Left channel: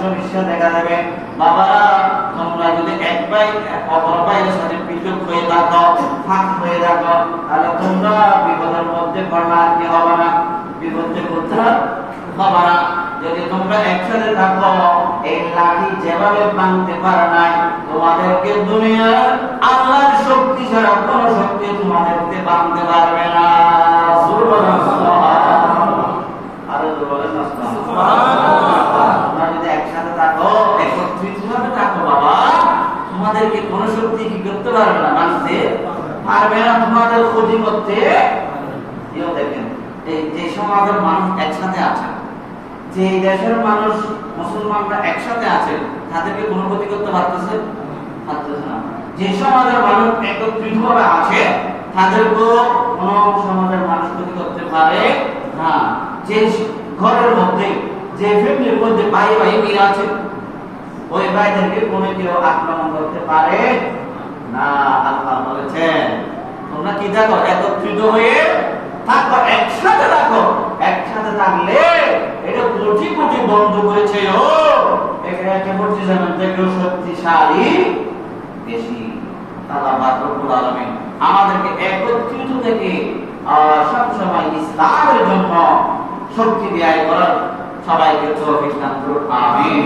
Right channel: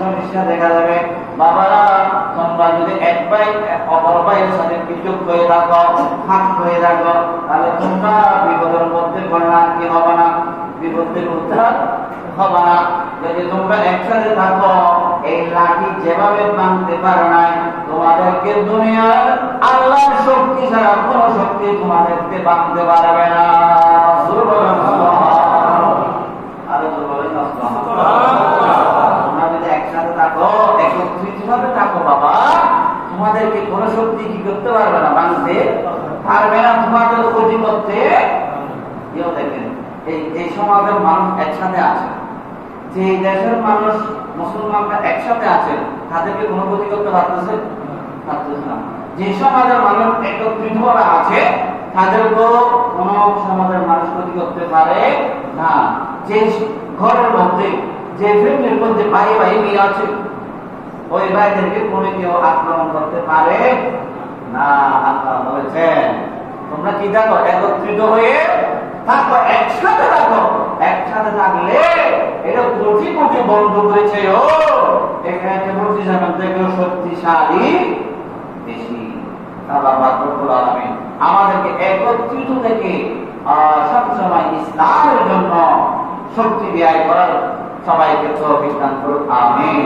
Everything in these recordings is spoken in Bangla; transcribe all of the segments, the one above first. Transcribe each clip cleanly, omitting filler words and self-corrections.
সমস্যা দেখা যাবে। বাবারা, তোমরা যদি এক ভাই অপর ভাইয়ের সাথে পৃথক হয়ে থাকো, ফাঁক হয়ে থাকো, তাহলে তোমরা বিপদের মধ্যে পড়া কি হবে না, বিপদে উদ্ধার হবে না। যদি তোমরা একসাথে থাকো, এই লাঠি যেভাবে ভাঙতে পারে নাই, তোমাদেরকে দুনিয়ার আল্লাহর শক্তি ছাড়া কোনো শক্তি তোমাদেরকে ভাঙতে পারবে না। তোমরা যদি একসাথে থাকো, একত্রিত ভাবে থাকো বাবা, তোমাদেরকে কোনো শক্তি কি করতে পারবে না, ভাঙতে পারবে না, তোমাদের ক্ষতি করতে। দেখেন, এই সমাজের মানুষ একসাথে আছে, যে দেশের মানুষ মুসলমানরা একসাথে আছে, তাদেরকে কোনো ক্ষতি করতে পারতেছে না। যে সমাজের মানুষ একত্রিত ভাবে আছে, তাদেরকেও কোন সমাজের মানুষ ক্ষতি করতে পারে না। যে ঘরের মধ্যে, যে ফ্যামিলির মধ্যে ভাই ভাই মিল আছে, ওই ভাইদেরকে কোনো কেউ আক্রমণ করতে পারে না। আল্লাহ বলেছেন তোমরা কি থাকো, একত্রিত হয়ে থাকো, একসাথে থাকো। একসাথে থাকলে এটা কোটি কোটি বন্ধু করেছে, ও এখানে বলছি যেমন থেকেও শক্তিশালী বেশি। আল্লাহ রাব্বুল আলামিন আমাদেরকে একত্রিত থেকে সবসময় ইসলামের জন্য শক্তি ব্যয় করার সবাইকে তৌফিক দান করুন, আমিন।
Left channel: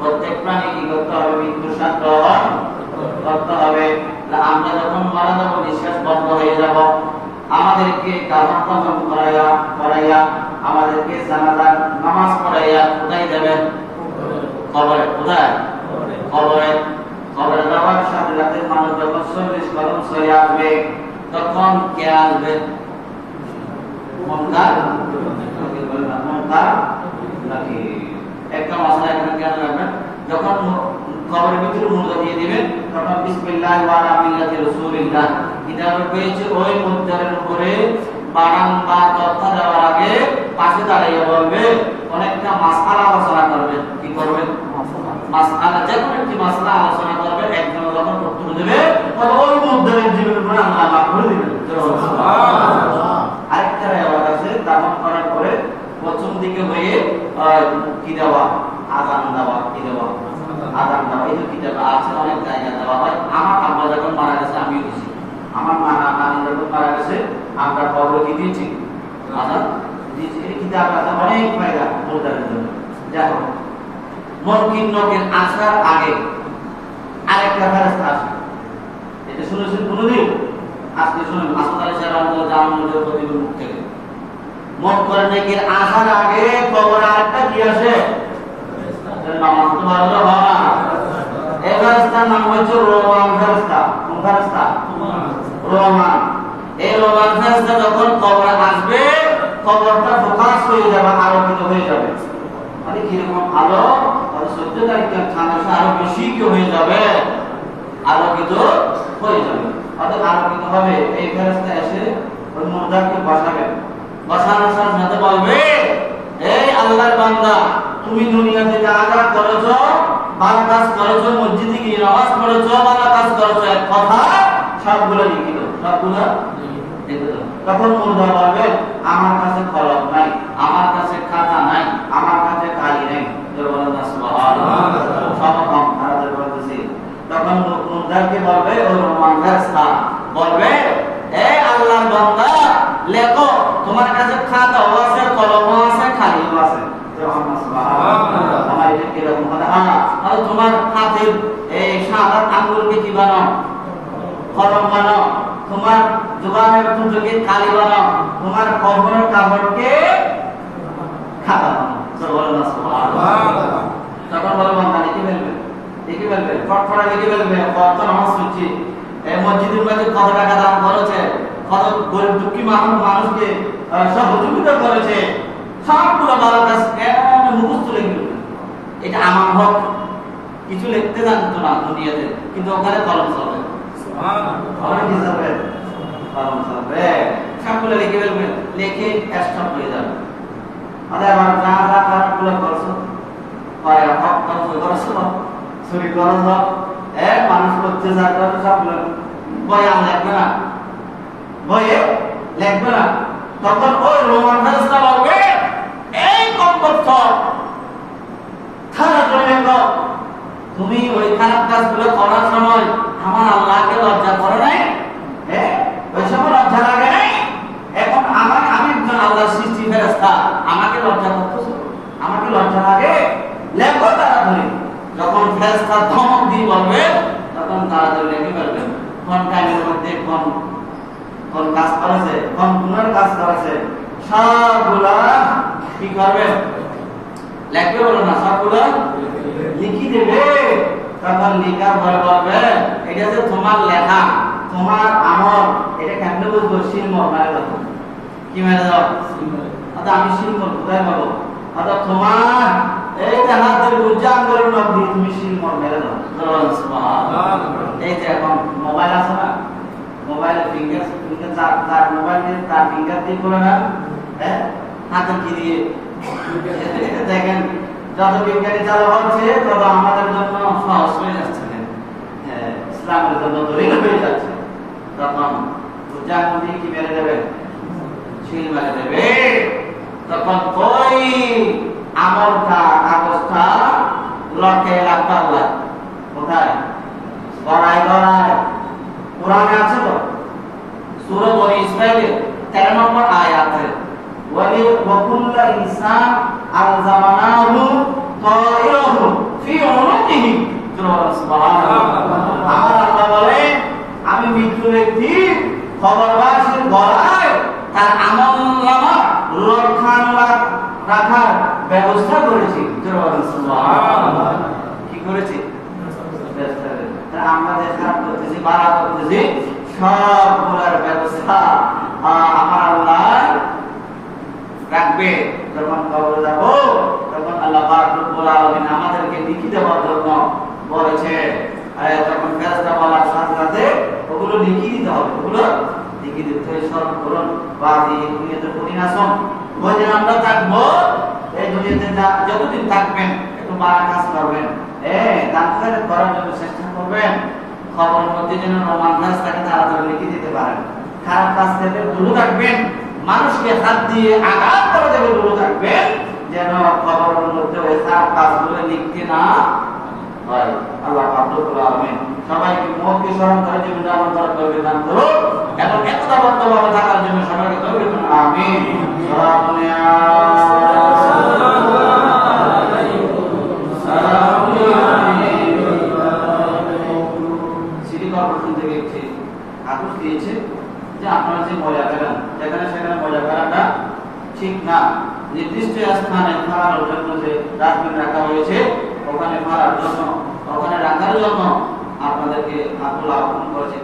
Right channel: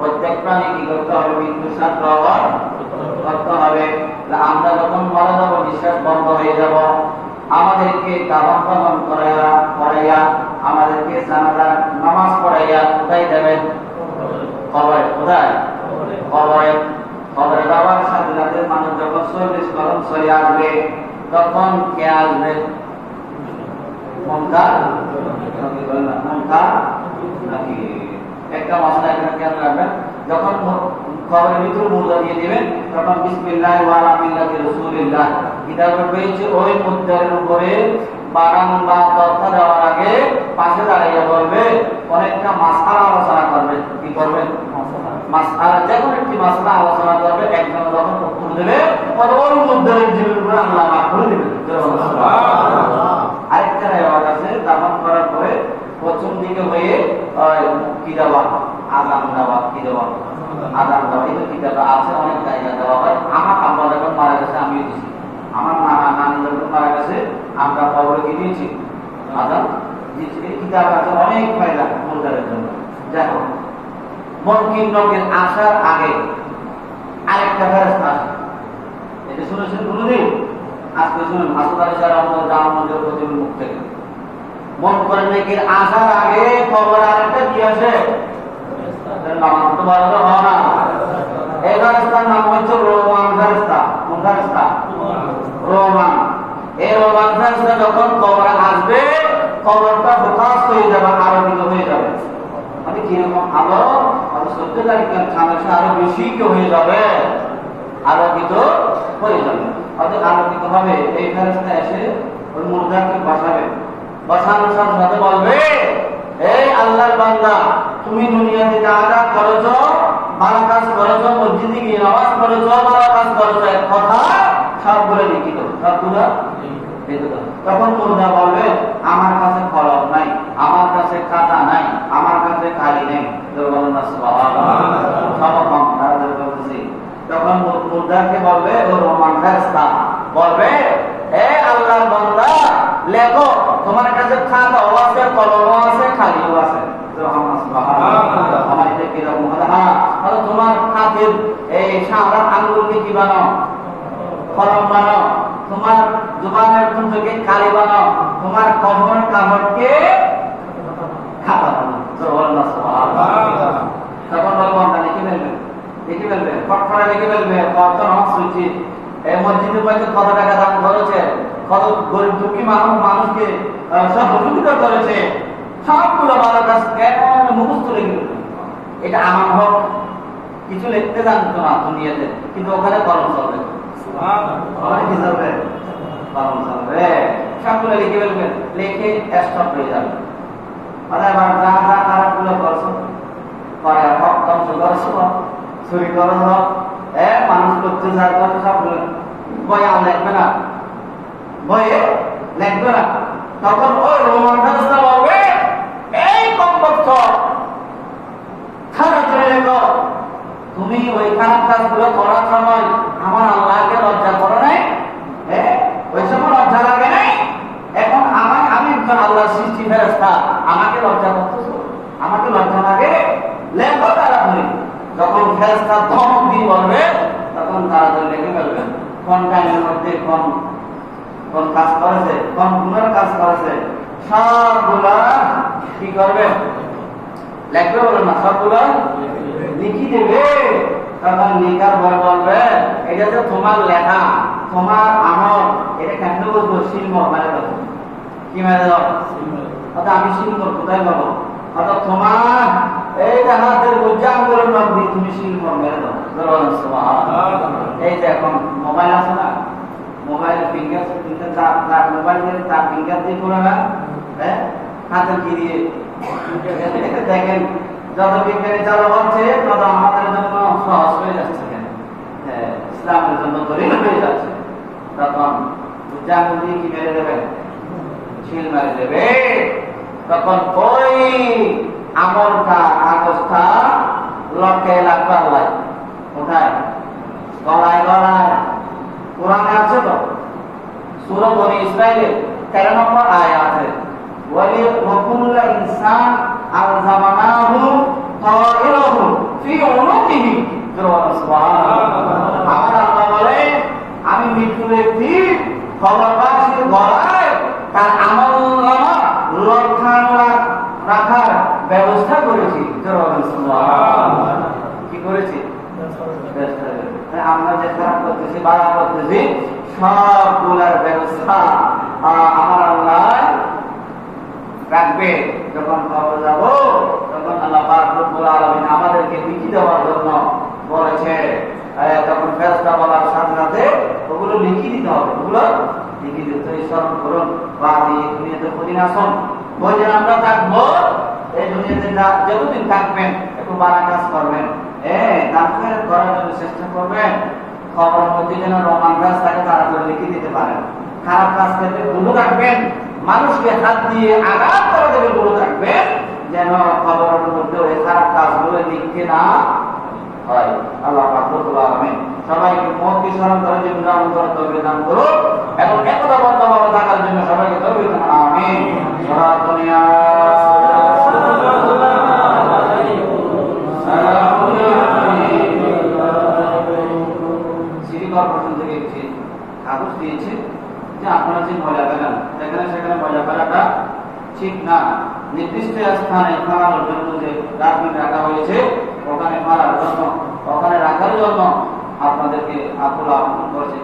প্রত্যেক প্রাণী কি করতে হবে, মৃত্যুর স্বাদ গ্রহণ করতে হবে। আমরা যখন মারা যাব, নিঃশ্বাস বন্ধ হয়ে যাব, আমাদেরকে দাফন কাফন করাইয়া আমাদেরকে জানাজার নামাজ পড়াইয়া কোথায় যাবেন, কবরে। কোথায়? কবরে। কবরে যাওয়ার সাথে সাথে মানুষ যখন 40 কদম সরে আসবে, তখন কে আসবে? মুনকার নাকি? একটা মশলা এখানে কেন রাখবেন, যখন কবরের ভিতরে মুর্দা দিয়ে দিবেন, তখন বিসমিল্লাহ ওয়া আলা মিল্লাতি রাসূলিল্লাহ এটা রয়েছে। ওই মুদ্রার উপরে বাগান বা তথ্য দেওয়ার আগে পাশে দাঁড়িয়ে বলবে, অনেকটা মাসআলা আলোচনা করবে। কি করবে? মাসআলা, যে কোনো একটি মাসআলা আলোচনা করবে। একজন যখন উত্তর দেবে, তখন ওই মুদ্রার জীবনের উপরে আল্লাহ মাফ করে দিবেন। সুবহানাল্লাহ। আরেকটা রেওয়াজ আছে, দাফন করার পরে প্রথম দিকে হয়ে কি দেওয়া, আযান দেওয়া। কি দেওয়া? আযান দেওয়া। এই যে কিতাবে আছে, অনেক জায়গায় দেওয়া হয়। আমার আব্বা যখন মারা গেছে আমিও দিয়েছি, আমার নানা নানি যখন মারা গেছে আমরা কবরে কি দিয়েছি, আযান দিয়েছি। এই কিতাব আছে, অনেক ফায়দা মুরদারের জন্য। দেখো, মুনকির নকির আসার আগে আরেকটা ফেরেশতা আসে, এটা শুনেছেন কোনদিন? আজকে শুনুন, হাসান আলী সাহেব আমাদের জামানুর প্রতিদিন মুখ থেকে মুনকার নকির আসার আগে কবরে আরেকটা কি আসে, নামাজ তো ভালো হয় না। এই ফেরেশতার নাম হচ্ছে রোমান ফেরেশতা। কোন ফেরেশতা? রোমান। এই রোমান ফেরেশতা যখন কবরে আসবে, কবরটা ফোকাস হয়ে যাবে, আলোকিত হয়ে যাবে। মানে কিরকম আলো, আর 14 তারিখ ছানাসে আরো বেশি কি হয়ে যাবে, আলোকিত হয়ে যাবে। অর্থাৎ আলোকিত হবে। এই ফেরেশতা এসে ওই মুর্দাকে বসাবে, বসানোর সাথে বলবে, এই আল্লাহর বান্দা, তুমি দুনিয়াতে যা যা করেছো, ভালো কাজ করেছো, মসজিদে গিয়ে নামাজ পড়েছো, ভালো কাজ করেছো, এক কথা সবগুলো লিখিত, সবগুলো লিখিত। তখন মুর্দা বলবে, আমার কাছে কলম নাই, আমার কাছে খাতা নাই, আমার কাছে কালি নেই। সুবহানাল্লাহ। সব কম তাদের বলতেছি। তখন মুর্দাকে বলবে, ও রহমান ফেরেশতা বলবে, এই আল্লাহর বান্দা, লেখো, তোমার কাছে খাতাও আছে, কলমও আছে, খালিও আছে। তোমার হাতের এই সাদা আঙ্গুলকে কি বানাও, কলম বানাও। তোমার জুবানের তুলকে কালি বানাও। তোমার কবরের কাপড়কে খাতা বানাও। তখন বলে, বান্দা লিখে ফেলবে, লিখে ফেলবে, ফটফটা লিখে ফেলবে। কত নামাজ পড়ছি, এই মসজিদের মধ্যে কত টাকা দাম করেছে, কত গরিব দুঃখী মানুষকে সহযোগিতা করেছে, সবগুলো ভালো কাজ মুখস্থ লিখল। এটা আমার হক, কিছু লিখতে জানতো না দুনিয়াতে, কিন্তু ওখানে কলম চলবে, কলম চলবে, সবগুলো লিখে ফেলবে, লিখে স্টপ হয়ে যাবে। এবার যা যা খারাপ গুলো করছো, পরে হক ধ্বংস করছো, চুরি করছ, মানুষ করতে যা করছো সবগুলো বইয়ে আর লিখবে না, বইয়ে লিখবে না। তখন ওই রোমান ফেরেশতা বলবে, এই কমবক্ত খারাপ করে লেখো, তুমি ওই খারাপ কাজগুলো করার সময় আমার আল্লাহকে লজ্জা করো নাই, ওই সময় লজ্জা লাগে নাই। এখন আমি একজন আল্লাহর সৃষ্টি ফেরেশতা, আমাকে লজ্জা করতেছো, আমাকে লজ্জা লাগে, লেখো তাড়াতাড়ি। যখন ফেরেশতা ধমক দিয়ে বলবে, তখন তাড়াতাড়ি লিখে ফেলবেন কোন টাইমের মধ্যে কোন কাজ করেছে, কোন গুণের কাজ করেছে, সবগুলা কি করবে, লিখবে বলে না, সবগুলা লিখি দেবে। তখন লিখার পরে বলবে, এটা যে তোমার লেখা, তোমার আমল, এটা কেন বলবো, শিলমোহর মেরে দেবো। কি মেরে দাও? অর্থাৎ আমি শিলমোহর কোথায় পাবো? অর্থাৎ তোমার এই যে হাতের বুঝা আঙ্গুলের নখ দিয়ে তুমি শিলমোহর মেরে দাও। এই যে এখন মোবাইল আছে না, মোবাইল ফিঙ্গার মোবাইল দিয়ে তার ফিঙ্গার দিয়ে করে না, হাতে কি দিয়ে দেখেন, যত বিজ্ঞানী চালু হচ্ছে তত আমাদের জন্য সহজ হয়ে যাচ্ছে, ইসলামের জন্য দলিল হয়ে যাচ্ছে। তখন বুঝাঙ্গ দিয়ে কি মেরে দেবে, ছিল মেরে দেবে। তখন ওই আমলটা কাগজটা লটকে লাগবার লাগে কোথায়, গড়ায় গড়ায়। কোরআনে আছে তো, সূরা বনী ইসরাইলের 13 নম্বর আয়াতে, ওয়ালি ওয়াকুল্লা ইনসান আলজামানাহু তাইরাহু ফি উনুকিহি। সুবহানাল্লাহ। আমার আল্লাহ বলে, আমি মৃত্যু ব্যক্তি খবরবাসীর গলায় তার আমলনামা রাখার ব্যবস্থা করেছি। সুবহানাল্লাহ। কি করেছি? আমরা যে খারাপ করতেছি, বাড়া করতেছি, সবগুলার ব্যবস্থা আমার আল্লাহ রাখবে। যখন কবরে যাব, তখন আল্লাহ পাক রব্বুল আলামিন আমাদেরকে লিখে দেওয়ার জন্য বলেছে। তখন ফেরেশতা বলার সাথে সাথে ওগুলো লিখে দিতে হবে, ওগুলো লিখে দিতে স্মরণ করুন। বা এই দুনিয়াতে কঠিন আসন ওই যে আমরা থাকবো, এই দুনিয়াতে যতদিন থাকবেন একটু বাড়া কাজ করবেন, দান খয়রাত করার জন্য চেষ্টা করবেন। খবরের মধ্যে যেন রোমান্স থাকে তাড়াতাড়ি লিখে দিতে পারেন। খারাপ কাজ থেকে দূরে থাকবেন, মানুষকে হাত দিয়ে আঘাত করা থেকে দূরে থাকবেন, যেন খবরের মধ্যে ওই খারাপ কাজগুলো লিখতে না হয়। আল্লাহ পাক রব্বুল আলামিন সবাইকে মওতকে স্মরণ করার জন্য আমন্ত্রণ করবে, দান করুন এবং একতাবদ্ধভাবে থাকার জন্য সবাইকে তৌফিক দান। আমিন। সারা দুনিয়া কাগজ দিয়েছে যে আপনারা যে ময়লা ফেলেন সেখানে ময়লা ফেলাটা ঠিক না। নির্দিষ্ট স্থানে ফেলানোর জন্য যে ডাস্টবিন রাখা হয়েছে, ওখানে ফেলার জন্য, ওখানে রাখার জন্য আপনাদেরকে আকুল আহ্বান করেছে।